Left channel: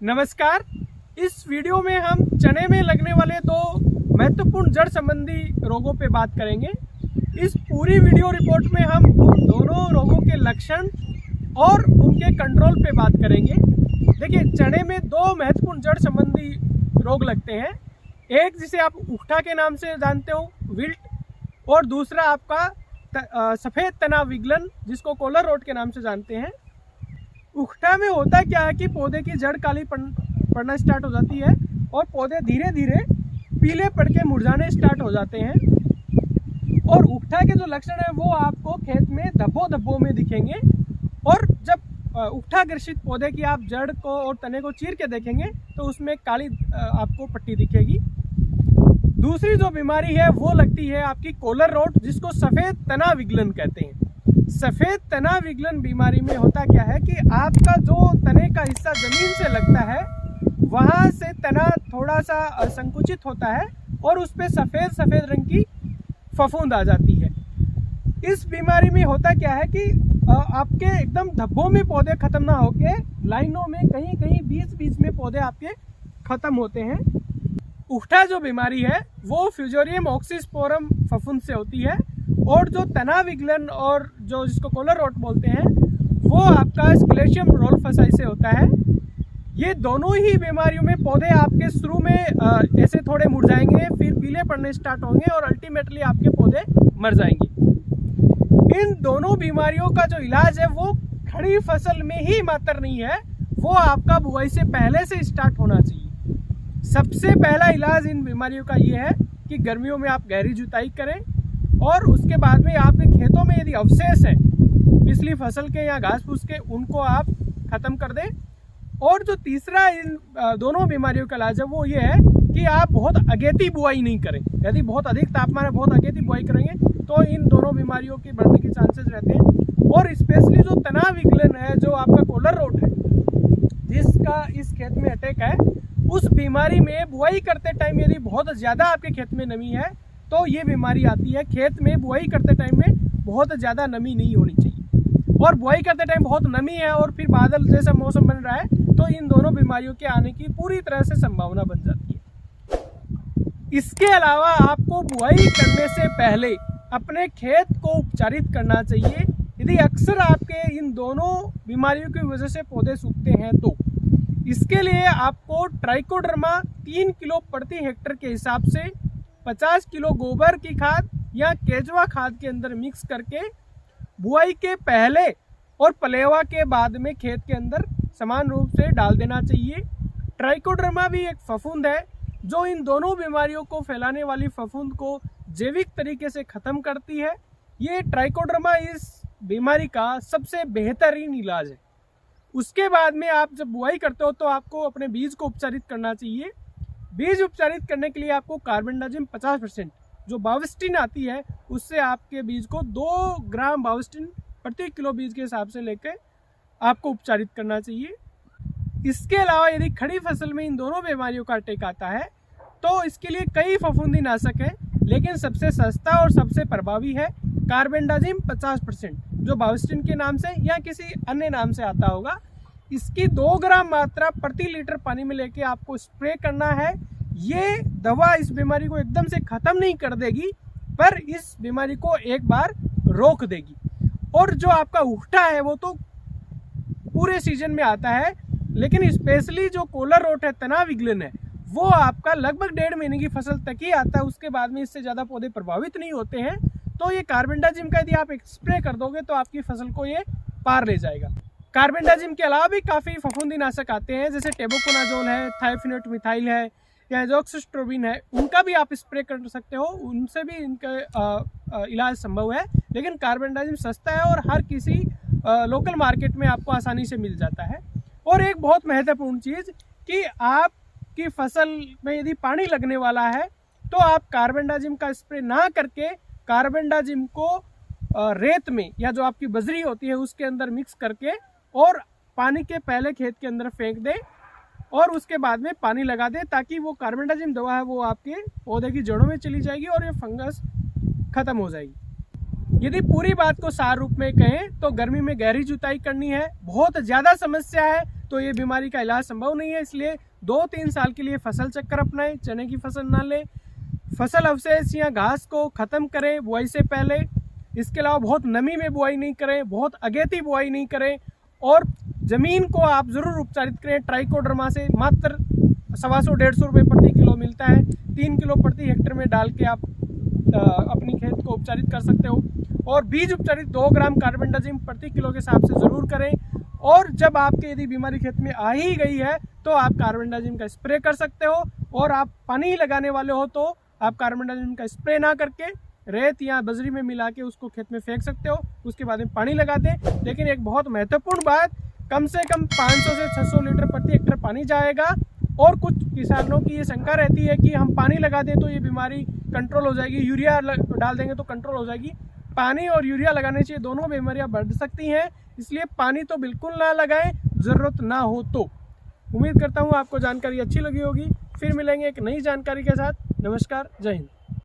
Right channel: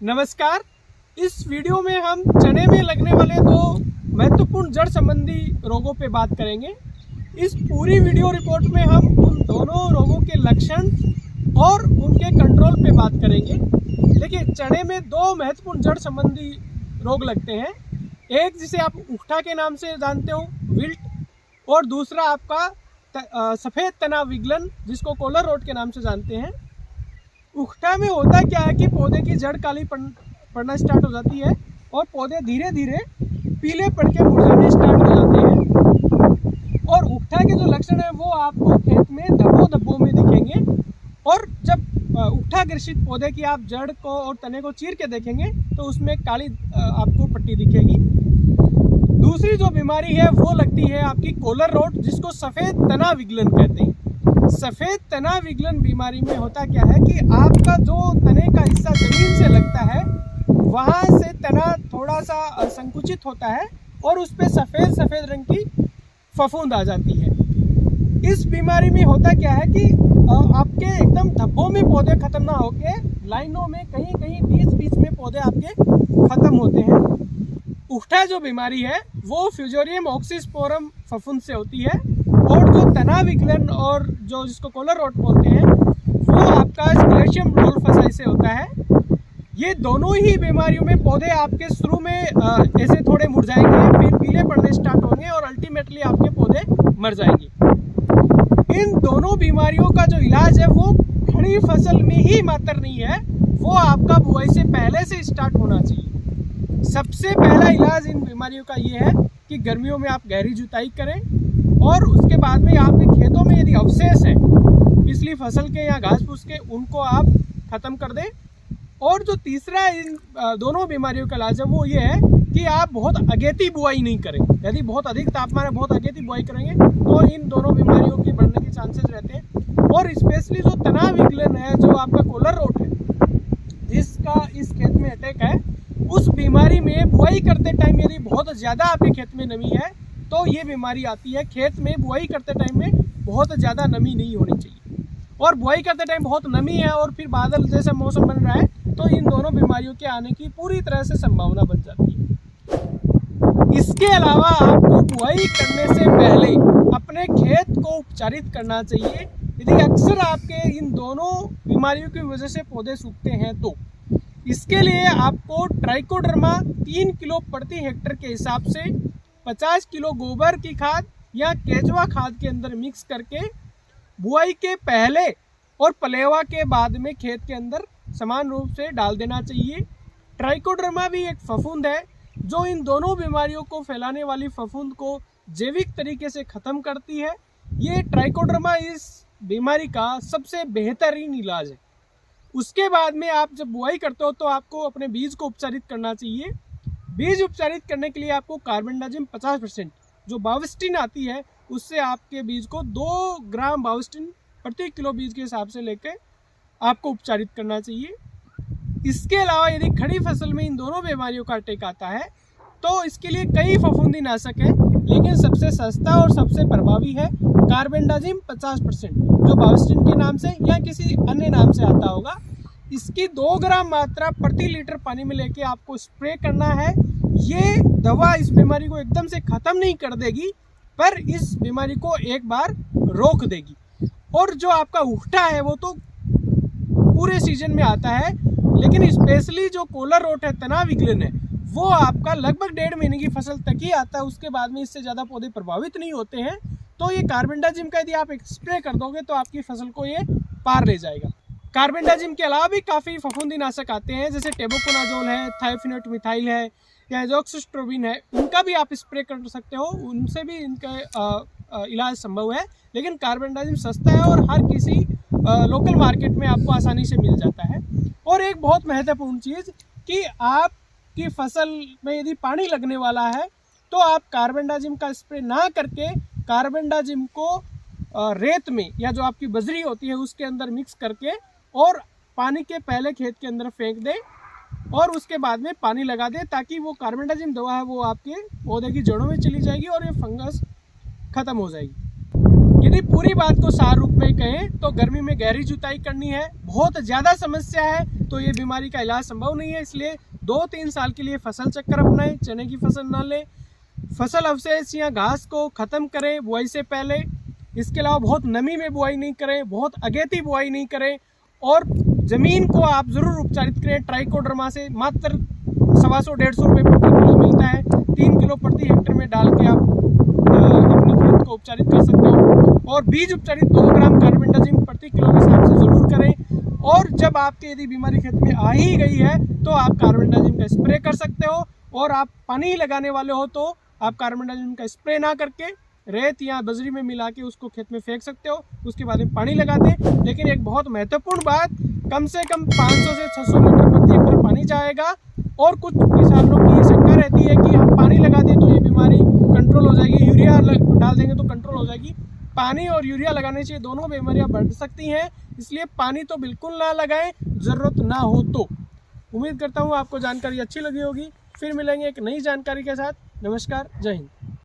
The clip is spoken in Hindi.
नमस्कार। इस वीडियो में हम चने में लगने वाले दो महत्वपूर्ण जड़ संबंधी रोगों पे बात करेंगे। इस पूरी वीडियो रिपोर्ट में हम उन दोनों रोगों के लक्षण और उनके कंट्रोल पे बात करेंगे। देखिए, चने में दो महत्वपूर्ण जड़ संबंधी रोग लगते हैं। एक जिसे आप उकठा के नाम से जानते हो, विल्ट, और दूसरा आपका सफ़ेद तना विगलन, जिसको कॉलर रोट के नाम से जानते हैं। उकठा में होता क्या है कि पौधे की जड़ काली पड़ना स्टार्ट हो जाती है और पौधे धीरे धीरे पीले पड़ के मुरझाने स्टार्ट हो जाते हैं। और उकठा के जो लक्षण है वो आपको खेत में धब्बों में दिखेंगे। और जब उकठा ग्रसित पौधे की आप जड़ को और तने को चीर के देखेंगे तो उसमें काली आपको पट्टी दिखेगी। दूसरी जो बीमारी है वो लगती है आपकी कॉलर रोट, जिसको सफ़ेद तना विगलन कहते हैं। सफ़ेद तना विगलन बीमारी में होता क्या है कि आपका जो तने का हिस्सा जमीन से लगता है वहाँ से तना थोड़ा सा संकुचित होता है और उस पर सफ़ेद रंग की फफूंद आ जाती है। इस बीमारी में होता क्या है कि आपके एकदम धब्बों में पौधे खत्म ना होके लाइनों में कहीं बीच में पौधे आपके खत्म होते हैं। उकठा जो बीमारी है वो फ्यूजोरियम ऑक्सीस्पोरम फफूंद से होती है, और जो तना विगलन और जो जिसको कॉलर रोट बोलते हैं वो आपका स्क्लेशियम रोल्फाई से होता है। ये दोनों ही बीमारियों में पौधे आपके शुरू में ऐसे थोड़े मुरझाएंगे, फिर पीले पड़ने स्टार्ट होंगे और अल्टीमेटली आपके पौधे मर जाएंगे। इन दोनों बीमारियों का जो इलाज है वो खड़ी फसल में ही मात्र नहीं है, वो आपका बुआई से पहले से स्टार्ट होना चाहिए। सबसे पहला इलाज इन बीमारियों का ये है कि गर्मियों में आप गहरी जुताई करें और उसके बाद में आपके खेतों में यदि अवशेष हैं पिछली फसल के या घास फूस के, उनको आप ख़त्म कर दें। और जो तीसरा इन दोनों बीमारियों का इलाज है वो ये है कि आप बहुत अगेती बुआई नहीं करें। यदि बहुत अधिक तापमान है, बहुत अगेती बुआई करेंगे तो इन दोनों बीमारियों की बढ़ने के चांसेस रहते हैं। और स्पेशली जो तना विगलन है, जो आपका कॉलर रोट है, जिसका इस खेत में अटैक है, उस बीमारी में बुआई करते टाइम यदि बहुत ज़्यादा आपके खेत में नमी है तो ये बीमारी आती है। खेत में बुआई करते टाइम में बहुत ज़्यादा नमी नहीं होनी चाहिए, और बुआई करते टाइम बहुत नमी है और फिर बादल जैसा मौसम बन रहा है तो इन दोनों बीमारियों के आने की पूरी तरह से संभावना बन जाती है। इसके अलावा आपको बुआई करने से पहले अपने खेत को उपचारित करना चाहिए। यदि अक्सर आपके इन दोनों बीमारियों की वजह से पौधे सूखते हैं तो इसके लिए आपको ट्राइकोडर्मा 3 किलो प्रति हेक्टेयर के हिसाब से 50 किलो गोबर की खाद या केचुआ खाद के अंदर मिक्स करके बुआई के पहले और पलेवा के बाद में खेत के अंदर समान रूप से डाल देना चाहिए। ट्राइकोडर्मा भी एक फफूंद है जो इन दोनों बीमारियों को फैलाने वाली फफूंद को जैविक तरीके से ख़त्म करती है। ये ट्राइकोडर्मा इस बीमारी का सबसे बेहतरीन इलाज है। उसके बाद में आप जब बुआई करते हो तो आपको अपने बीज को उपचारित करना चाहिए। बीज उपचारित करने के लिए आपको कार्बेंडाजिम 50% जो बाविस्टिन आती है उससे आपके बीज को 2 ग्राम बाविस्टिन प्रति किलो बीज के हिसाब से लेकर आपको उपचारित करना चाहिए। इसके अलावा यदि खड़ी फसल में इन दोनों बीमारियों का अटैक आता है तो इसके लिए कई फफूंदी नाशक हैं, लेकिन सबसे सस्ता और सबसे प्रभावी है कार्बेंडाजिम 50%, जो बाविस्टिन के नाम से या किसी अन्य नाम से आता होगा। इसकी 2 ग्राम मात्रा प्रति लीटर पानी में लेके आपको स्प्रे करना है। ये दवा इस बीमारी को एकदम से ख़त्म नहीं कर देगी, पर इस बीमारी को एक बार रोक देगी। और जो आपका उकठा है वो तो पूरे सीजन में आता है, लेकिन स्पेशली जो कॉलर रोट है, तना विगलन है, वो आपका लगभग 1.5 महीने की फसल तक ही आता है। उसके बाद में इससे ज़्यादा पौधे प्रभावित नहीं होते हैं। तो ये कार्बेंडाजिम का यदि आप एक स्प्रे कर दोगे तो आपकी फसल को ये पार ले जाएगा। कार्बेंडाजिम के अलावा भी काफ़ी फफूंदी नाशक आते हैं, जैसे टेबुकोनाजोल है, थायोफिनेट मिथाइल है या एजोक्सिस्ट्रोबिन है, उनका भी आप स्प्रे कर सकते हो। उनसे भी इनका इलाज संभव है, लेकिन कार्बेंडाजिम सस्ता है और हर किसी लोकल मार्केट में आपको आसानी से मिल जाता है। और एक बहुत महत्वपूर्ण चीज़ कि आपकी फसल में यदि पानी लगने वाला है तो आप कार्बेंडाजिम का स्प्रे ना करके कार्बेंडाजिम को रेत में या जो आपकी बजरी होती है उसके अंदर मिक्स करके और पानी के पहले खेत के अंदर फेंक दें और उसके बाद में पानी लगा दें, ताकि वो कार्बेंडाजिम दवा है वो आपके पौधे की जड़ों में चली जाएगी और ये फंगस खत्म हो जाएगी। यदि पूरी बात को सार रूप में कहें तो गर्मी में गहरी जुताई करनी है। बहुत ज़्यादा समस्या है, तो ये बीमारी का इलाज संभव नहीं है। इसलिए 2-3 साल के लिए फसल चक्कर अपनाएं, चने की फसल ना लें, फसल अवशेष या घास को ख़त्म करें बुआई से पहले। इसके अलावा बहुत नमी में बुआई नहीं करें, बहुत अगेती बुआई नहीं करें, और ज़मीन को आप ज़रूर उपचारित करें ट्राइकोडर्मा से। मात्र 125-150 रुपये प्रति किलो मिलता है, 3 किलो प्रति हेक्टेयर में डाल के आप अपनी खेत को उपचारित कर सकते हो। और बीज उपचारित 2 ग्राम कार्बेंडाजिम प्रति किलो के हिसाब से ज़रूर करें। और जब आपके यदि बीमारी खेत में आ ही गई है तो आप कार्बेंडाजिम का स्प्रे कर सकते हो। और आप पानी लगाने वाले हो तो आप कार्बेंडाजिम का स्प्रे ना करके रेत या बजरी में मिला के उसको खेत में फेंक सकते हो, उसके बाद में पानी लगा दें। लेकिन एक बहुत महत्वपूर्ण बात, कम से कम 500 से 600 लीटर प्रति हेक्टेयर पानी जाएगा। और कुछ किसानों की ये शंका रहती है कि हम पानी लगा दें तो ये बीमारी कंट्रोल हो जाएगी, यूरिया डाल देंगे तो कंट्रोल हो जाएगी। पानी और यूरिया लगाने से दोनों बीमारियां बढ़ सकती हैं, इसलिए पानी तो बिल्कुल ना लगाएं, ज़रूरत ना हो तो। उम्मीद करता हूँ आपको जानकारी अच्छी लगी होगी। फिर मिलेंगे एक नई जानकारी के साथ। नमस्कार, जय हिंद।